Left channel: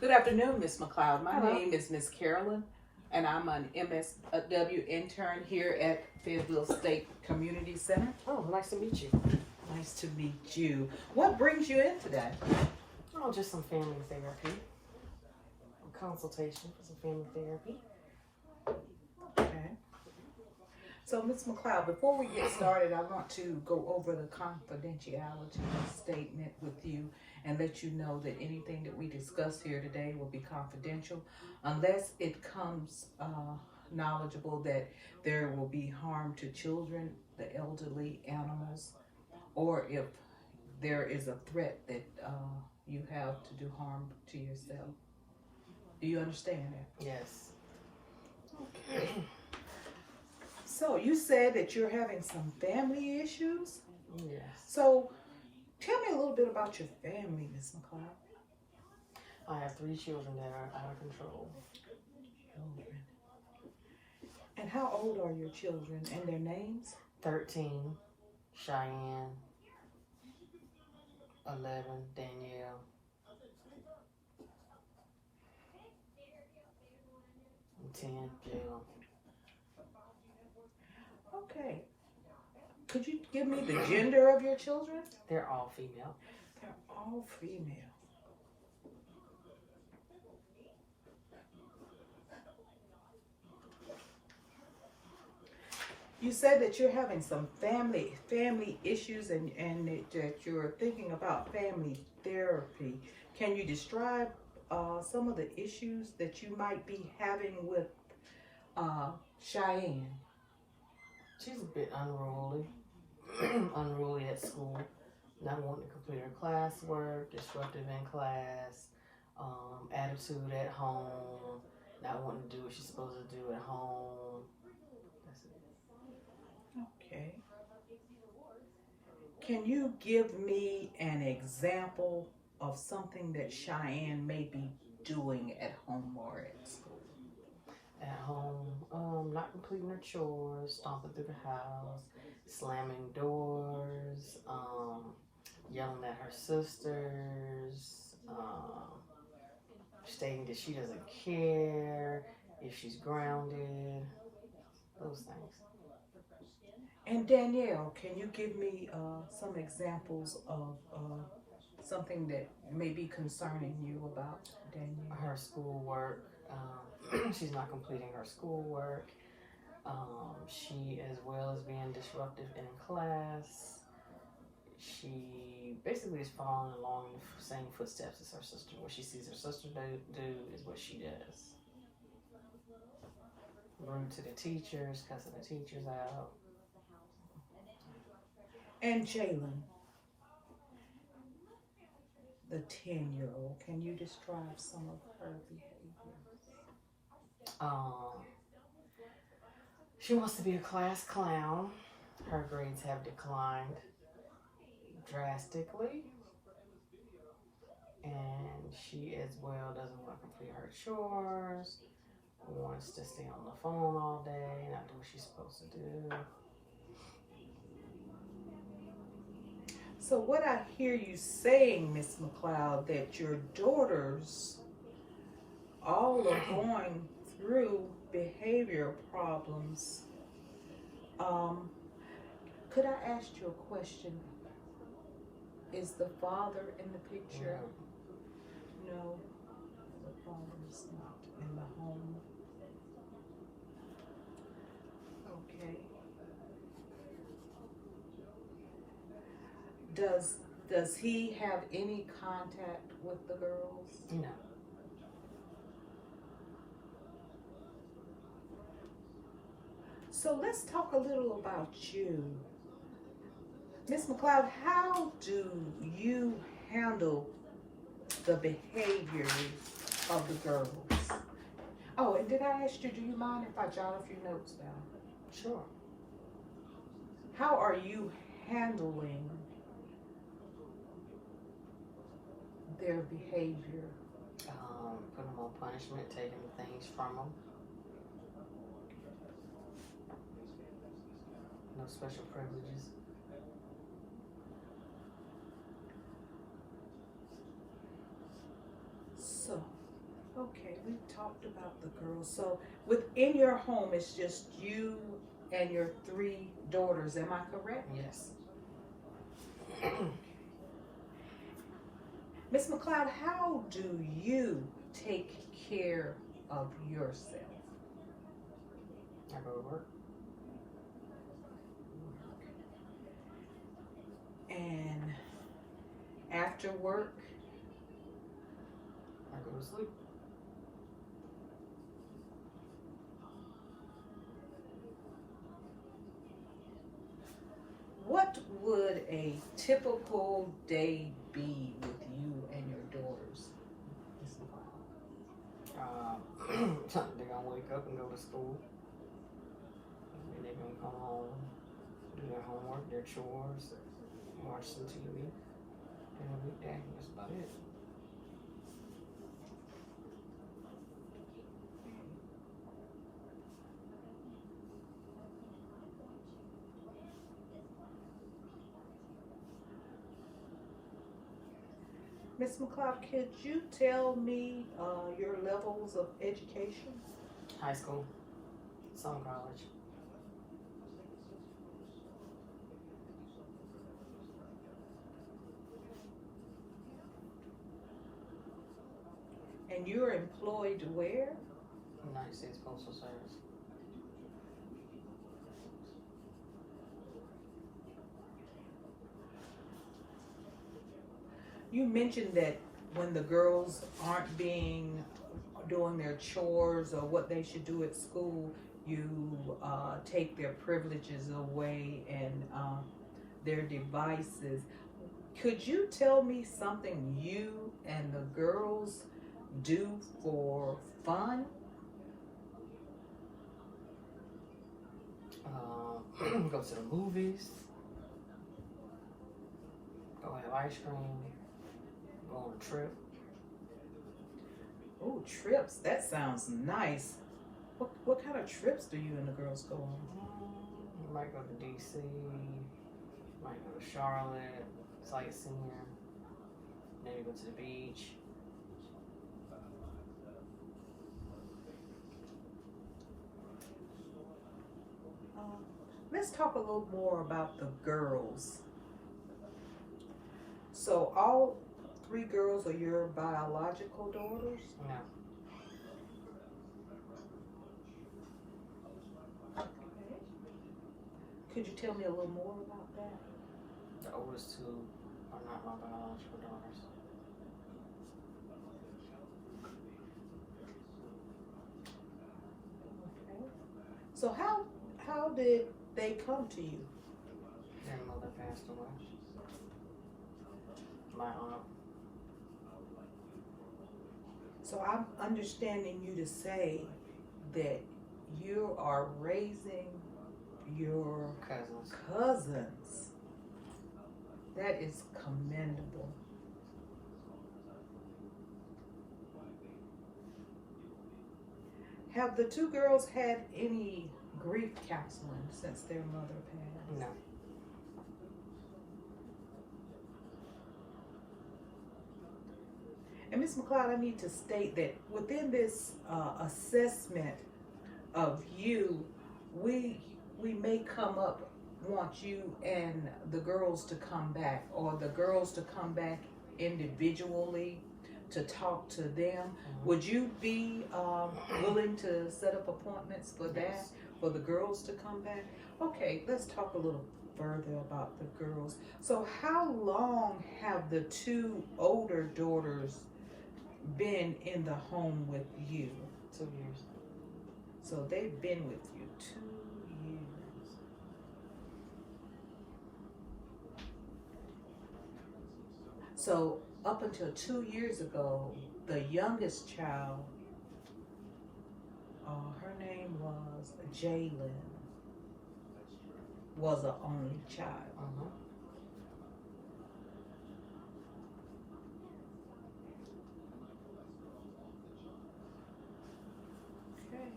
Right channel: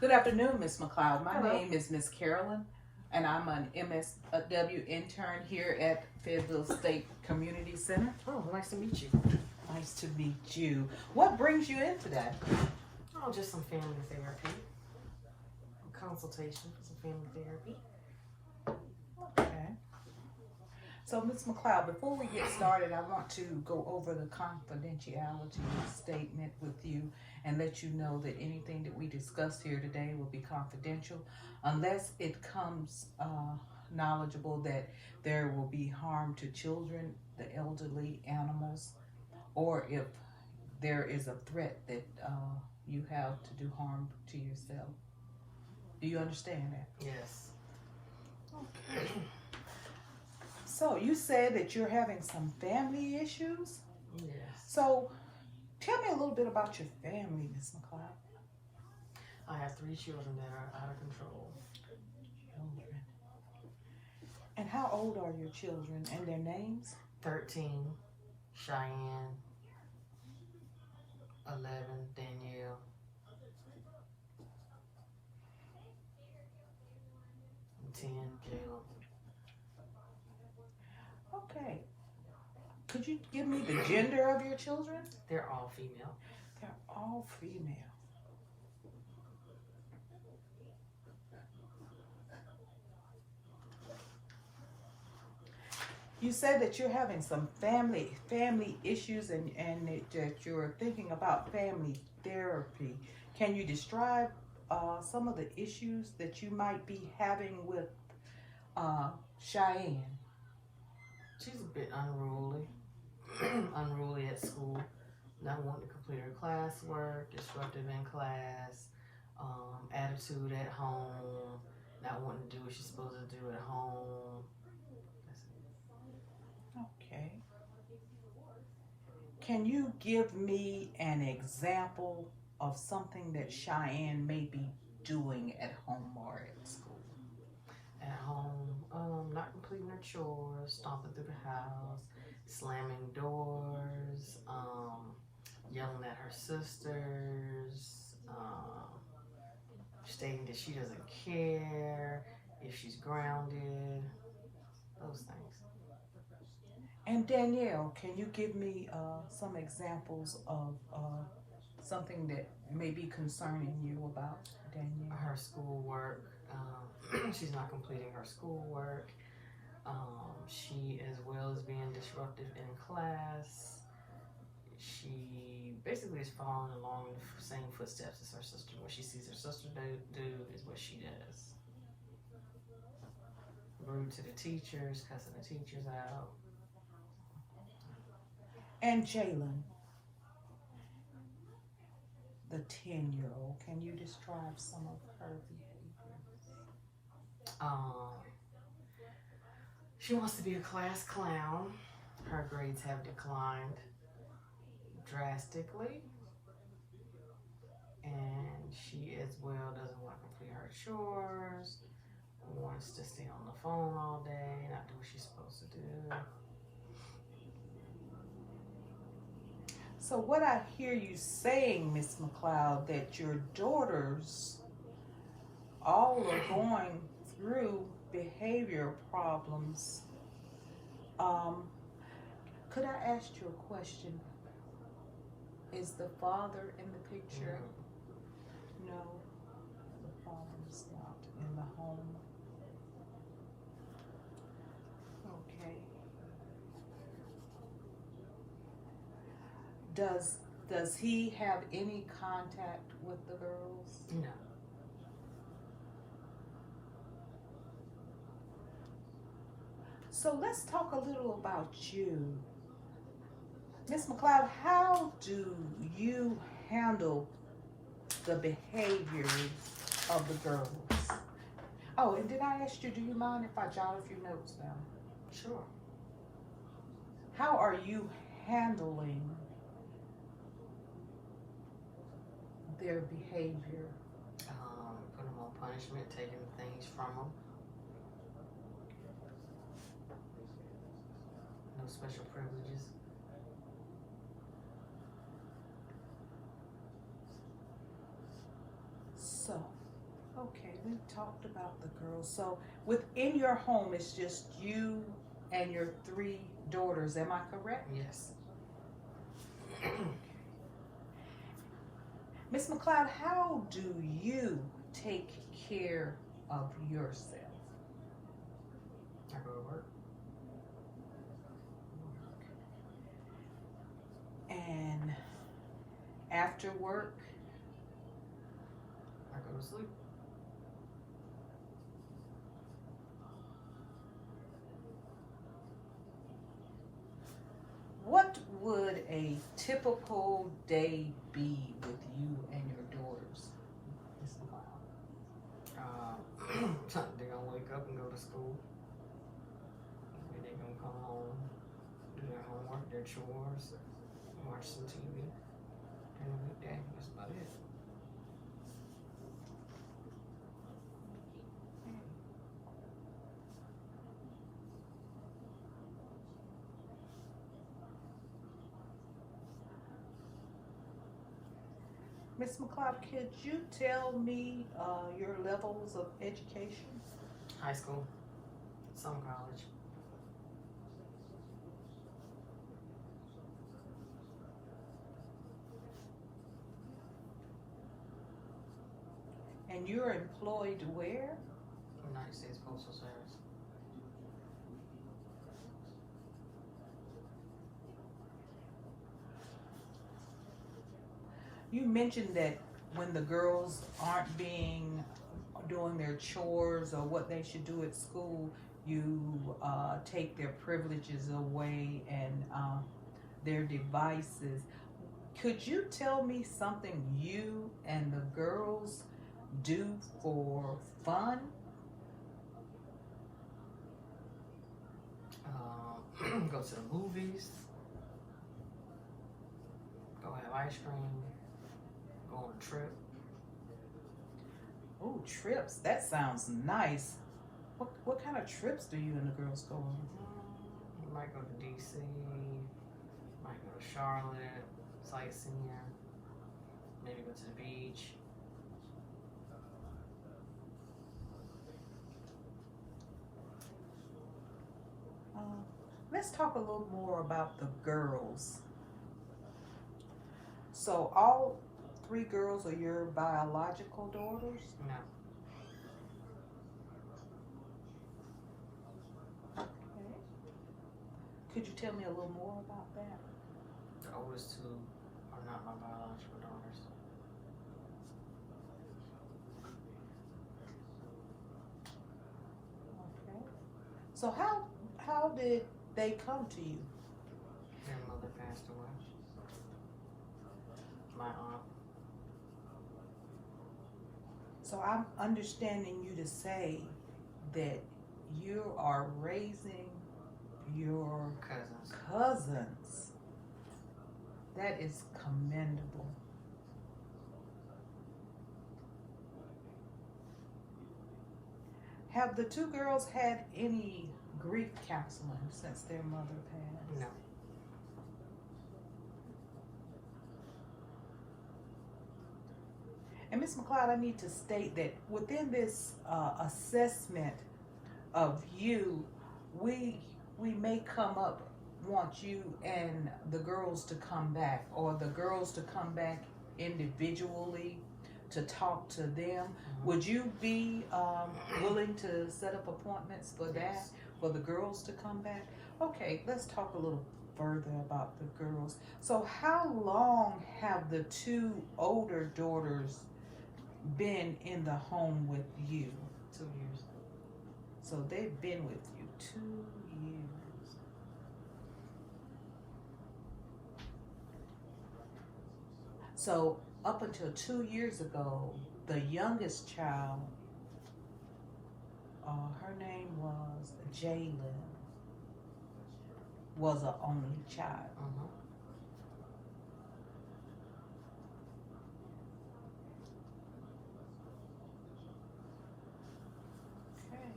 Good afternoon, Miss McLeod. My Hello. name is Miss Carolyn, and I'm an MSW intern here at Fayetteville State Community Center. Oh, nice to meet you. Nice to meet you. What brings you in today? Oh, just some family therapy. A consultation for some family therapy. Okay. So, Miss McLeod, before we get started, I want to go over the confidentiality statement with you and let you know that anything that we discuss here today will be confidential unless it comes knowledgeable that there will be harm to children, the elderly, animals, or if there is a threat that you have to do harm to yourself. Do you understand that? Yes. Okay. So you said that you're having some family issues? Yes. So tell me a little bit about your family, Miss McLeod. I have 3 children that are out of control. Okay. And how old are your children and their names? 13, Cheyenne. 11, Danielle. And 10, Jayla. Okay. Could you give me the gender of your children? They're all female. They're all female. You said that you're having some family issues and that you're thinking about family therapy. Can you describe some of the issues that you might be having with Cheyenne? She's a bit unruly. Unruly at school. Not wanting to complete her classwork, disruptive in class, attitude at home, not wanting to do what she's supposed to do at home. That's it. Okay. Can you give me an example of something that Cheyenne may be doing at home or at school? At home, not completing her chores, stomping through the house, slamming doors, yelling at her sisters, stating that she doesn't care if she's grounded, those things. And Danielle, can you give me some examples of something that may be concerning you about Danielle? Her schoolwork. She's not completing her schoolwork. She, as well as being disruptive in class, she basically is following along in the same footsteps as her sister. What she sees her sister do is what she does. Rude to the teachers, cussing the teachers out. And Jalen, the 10-year-old, can you describe some of her behaviors? She wants to be a class clown. Her grades have declined drastically. And she as well doesn't want to complete her chores, wants to stay on the phone all day, not do what she's supposed to do. So what I hear you saying, Miss McLeod, that your daughters all are going through behavior problems. Could I ask you a question? Is the father in the picture? No, the father is not in the home. Okay. Does he have any contact with the girls? No. So let's talk a little about you. Miss McLeod, how do you handle the behaviors of the girls? Oh, and did I ask you, do you mind if I jot a few notes down? Sure. How are you handling their behavior? Putting them on punishment, taking things from them. No special privileges. So, Okay, we talked about the girls. So within your home, it's just you and your 3 daughters. Am I correct? Yes. Miss McLeod, how do you take care of yourself? I go to work. And after work, I go to sleep. what would a typical day be with you and your daughters, Miss McLeod? They're gonna wake up and go to school. And they're gonna come home, do their homework, their chores, watch some TV. And a weekday, that's about it. Miss McLeod, could you tell me your levels of education? High school, some college. And you're employed where? United States Postal Service. You mentioned that when the girls aren't doing their chores or what they should do at school, you take their privileges away and their devices. Could you tell me something you and the girls do for fun? Go to the movies. Go have ice cream. Go on a trip. Oh, trips. That sounds nice. What kind of trips do you and the girls go on? You might go to DC. Might go to Charlotte. Sightseeing. Maybe go to the beach. Let's talk a little more about the girls. So all 3 girls are your biological daughters? No. Okay. Could you tell me a little more about that? The oldest 2 are not my biological daughters. Okay. So how did they come to you? Their mother passed away. My aunt. So I'm understanding you to say that you are raising your cousins. That is commendable. Have the 2 girls had any grief counseling since their mother passed? No. And Ms. McLeod, I need to state that within this assessment of you, we may want you and the girls to come back, or the girls to come back individually to talk to them. Mm-hmm. Would you be willing to set up appointments for that, Yes. for the girls to come back? Okay, let's talk a little further about the girls. So how long have the 2 older daughters been in the home with you? 2 years. So they've been with you 2 years. So up until 2 years ago, the youngest child, her name was Jalen, was an only child. Mm-hmm. Okay.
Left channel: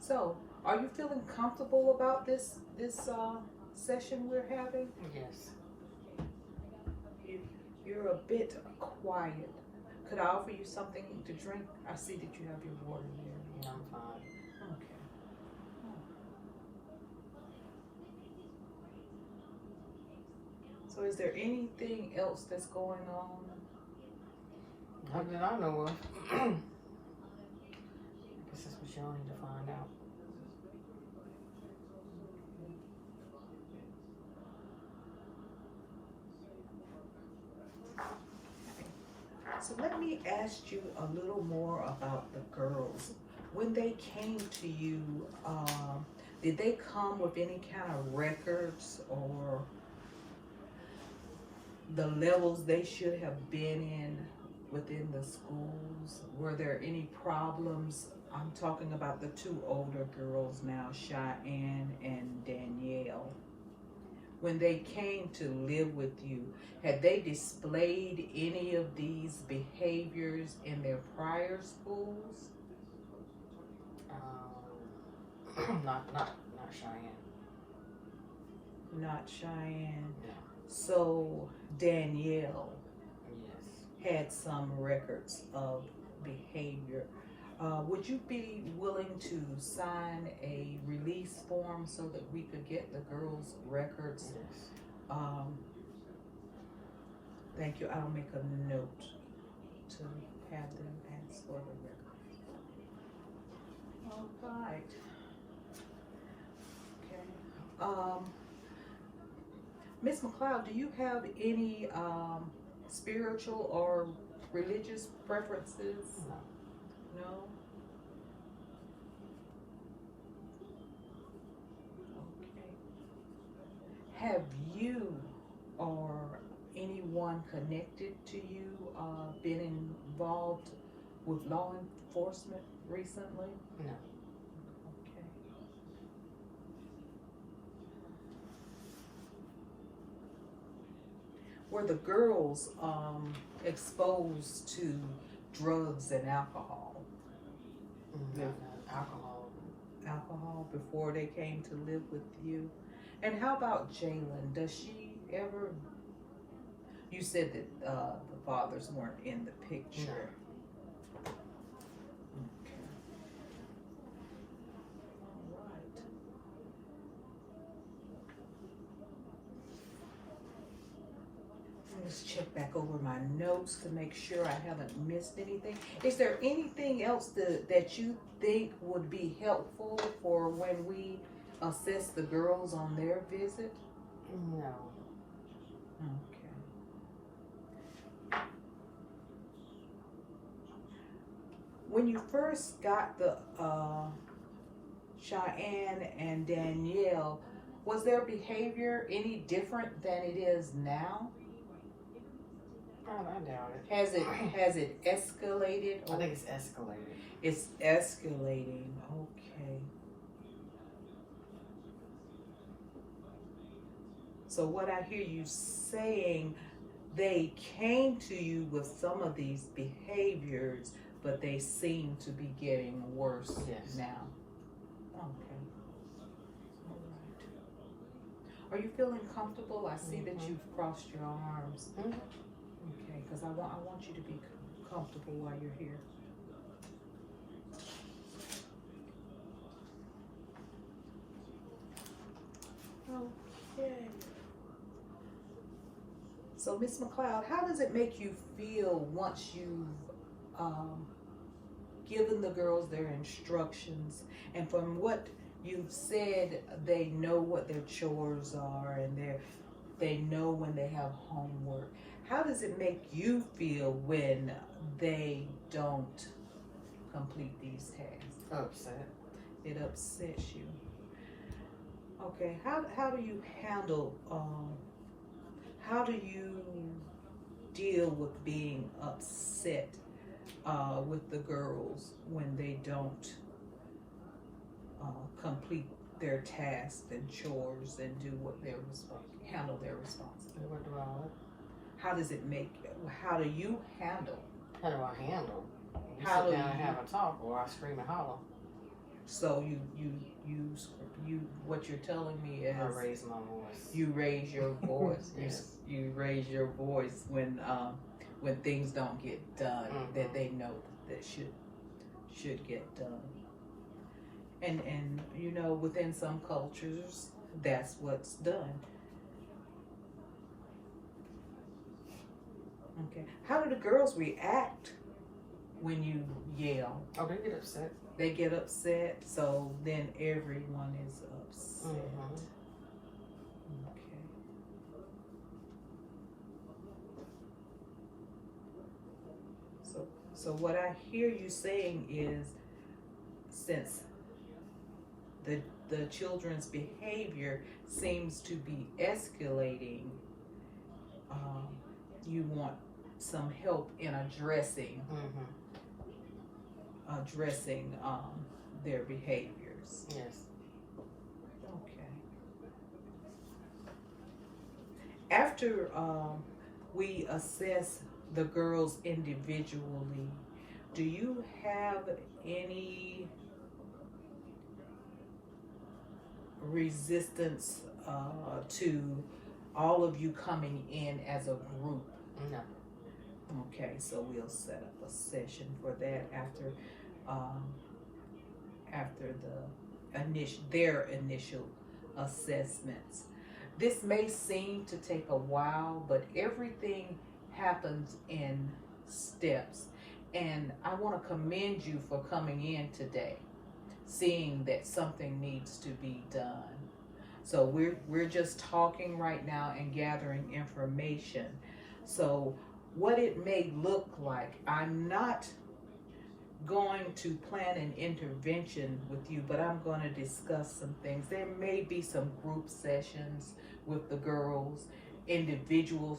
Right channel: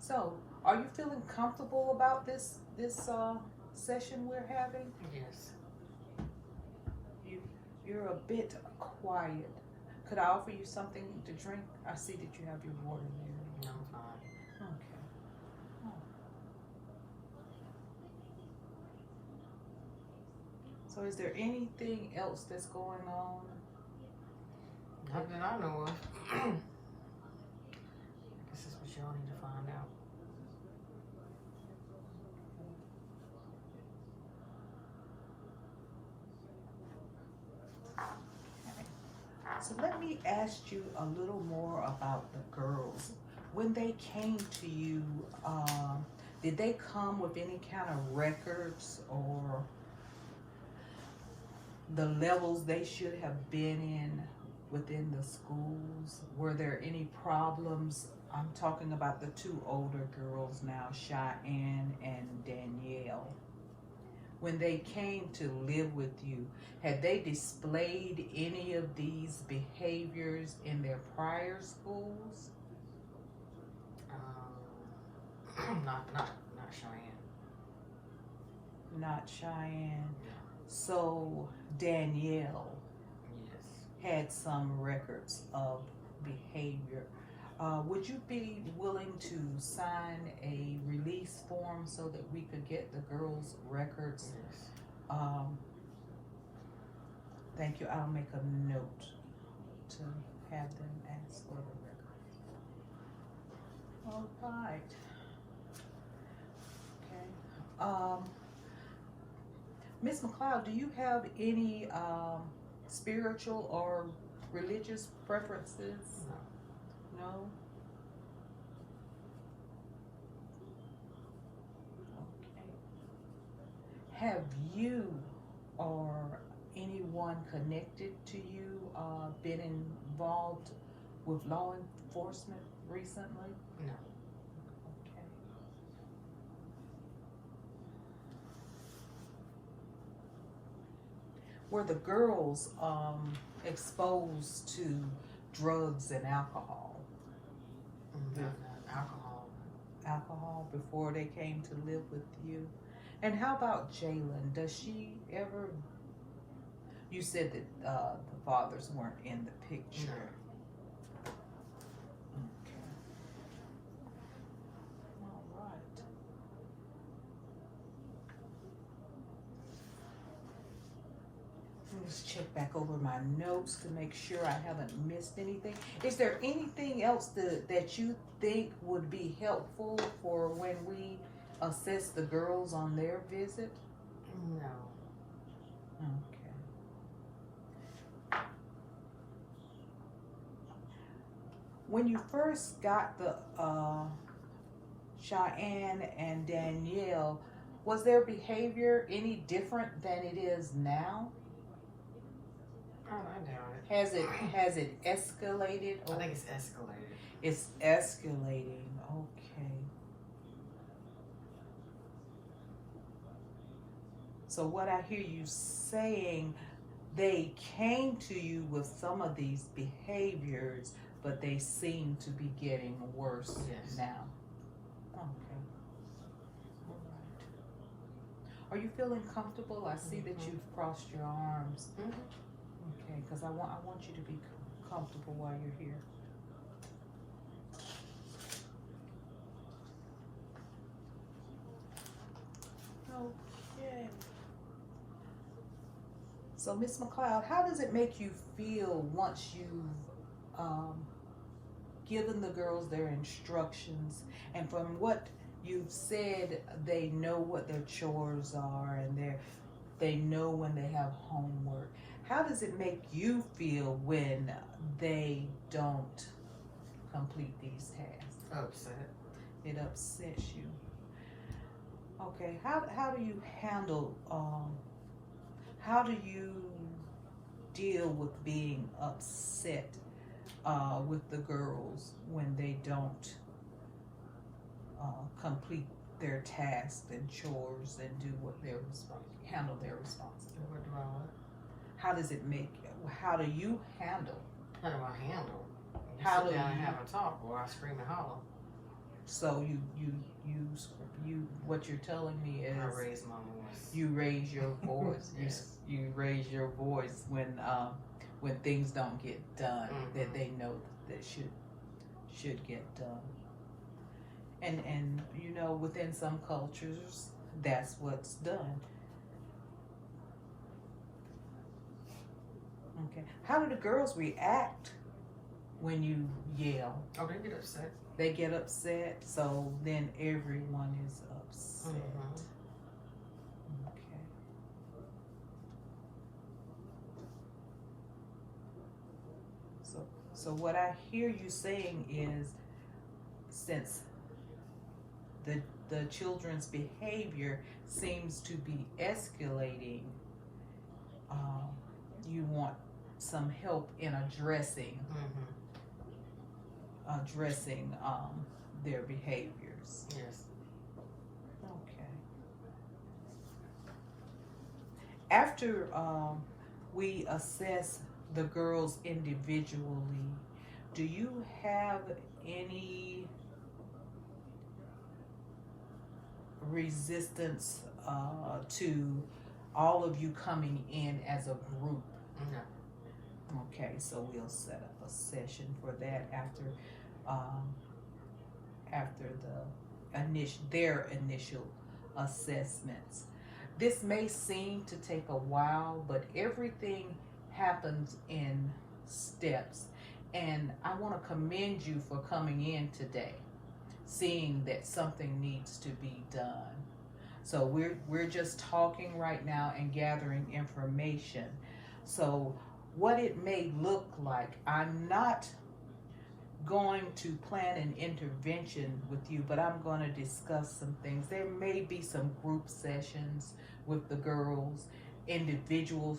So, Are you feeling comfortable about this session we're having? Yes. You're a bit quiet. Could I offer you something to drink? I see that you have your water here. I'm fine. Okay. Oh. So is there anything else that's going on? Not that I know of. I guess that's what y'all need to find out. So let me ask you a little more about the girls. When they came to you, did they come with any kind of records or the levels they should have been in within the schools? Were there any problems? I'm talking about the two older girls now, Cheyenne and Danielle. When they came to live with you, had they displayed any of these behaviors in their prior schools? Not Cheyenne. Not Cheyenne. No. So Danielle Yes. had some records of behavior. Would you be willing to sign a release form so that we could get the girls' records? Yes. Thank you. I'll make a note to have them ask for the records. All right. Okay. Miss McLeod, do you have any spiritual or religious preferences? No. No? Okay. Have you or anyone connected to you been involved with law enforcement recently? No. Okay. Were the girls exposed to drugs and alcohol? Not alcohol. Alcohol before they came to live with you? And how about Jalen? Does she ever? You said that the fathers weren't in the picture. No. Okay. All right. Let's check back over my notes to make sure I haven't missed anything. Is there anything else that you think would be helpful for when we assess the girls on their visit? No. Okay. When you first got the Cheyenne and Danielle, was their behavior any different than it is now? I doubt it. Has it escalated? I think it's escalated. It's escalating. Okay. So what I hear you saying, they came to you with some of these behaviors, but they seem to be getting worse now. Okay. All right. Are you feeling comfortable? I see that you've crossed your arms. Okay, because I want you to be comfortable while you're here. Okay. So, Miss McLeod, how does it make you feel once you've given the girls their instructions, and from what you've said, they know what their chores are and they know when they have homework? How does it make you feel when they don't complete these tasks? Upset. It upsets you. Okay, how do you handle, how do you deal with being upset with the girls when they don't complete their tasks and chores and do what they're handle their responsibilities? What do I want? How does it make? How do you handle? How do I handle? You How sit do down and you- have a talk, or I scream and holler. So you what you're telling me is I raise my voice. you raise your voice. Yes. You raise your voice when things don't get done that they know that should get done. And you know, within some cultures that's what's done. Okay. How do the girls react when you yell? Oh, they get upset. They get upset, so then everyone is upset. Okay. So what I hear you saying is, since the children's behavior seems to be escalating, you want some help in addressing their behaviors. Yes. Okay. After we assess the girls individually, do you have any resistance to all of you coming in as a group? No. Okay, so we'll set up a session for that after their initial assessments. This may seem to take a while, but everything happens in steps. And I want to commend you for coming in today, seeing that something needs to be done. So we're just talking right now and gathering information. So what it may look like, I'm not going to plan an intervention with you, but I'm going to discuss some things. There may be some group sessions with the girls, individual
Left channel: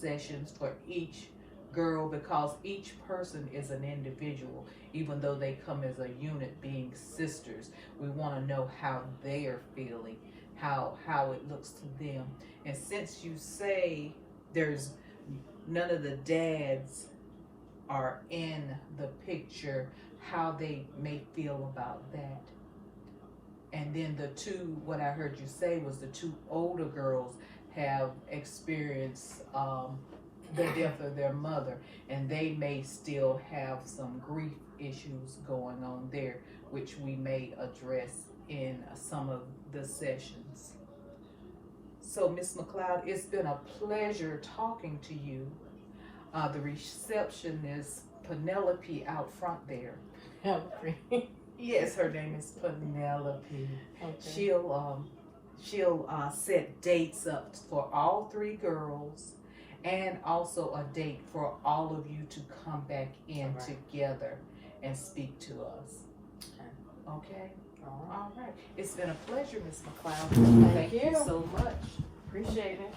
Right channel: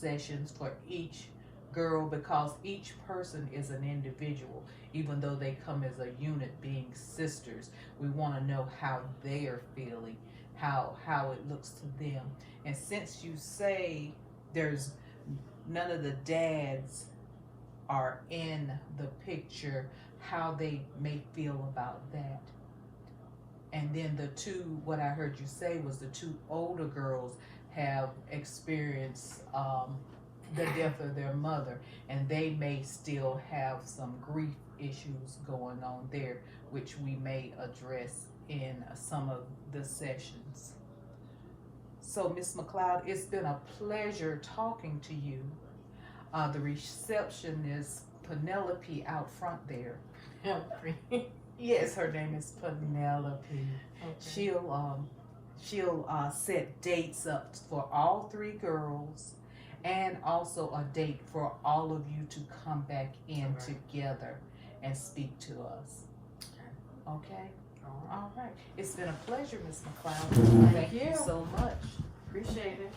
sessions for each girl, because each person is an individual. Even though they come as a unit being sisters, we want to know how they are feeling, how it looks to them. And since you say there's none of the dads are in the picture, how they may feel about that. And then what I heard you say was the two older girls have experienced the death of their mother, and they may still have some grief issues going on there, which we may address in some of the sessions. So, Miss McLeod, it's been a pleasure talking to you. The receptionist, Penelope, out front there. Yes, her name is Penelope. Okay. She'll set dates up for all three girls, and also a date for all of you to come back in together and speak to us. Okay? All right. It's been a pleasure, Miss McLeod. Thank you so much. Appreciate it.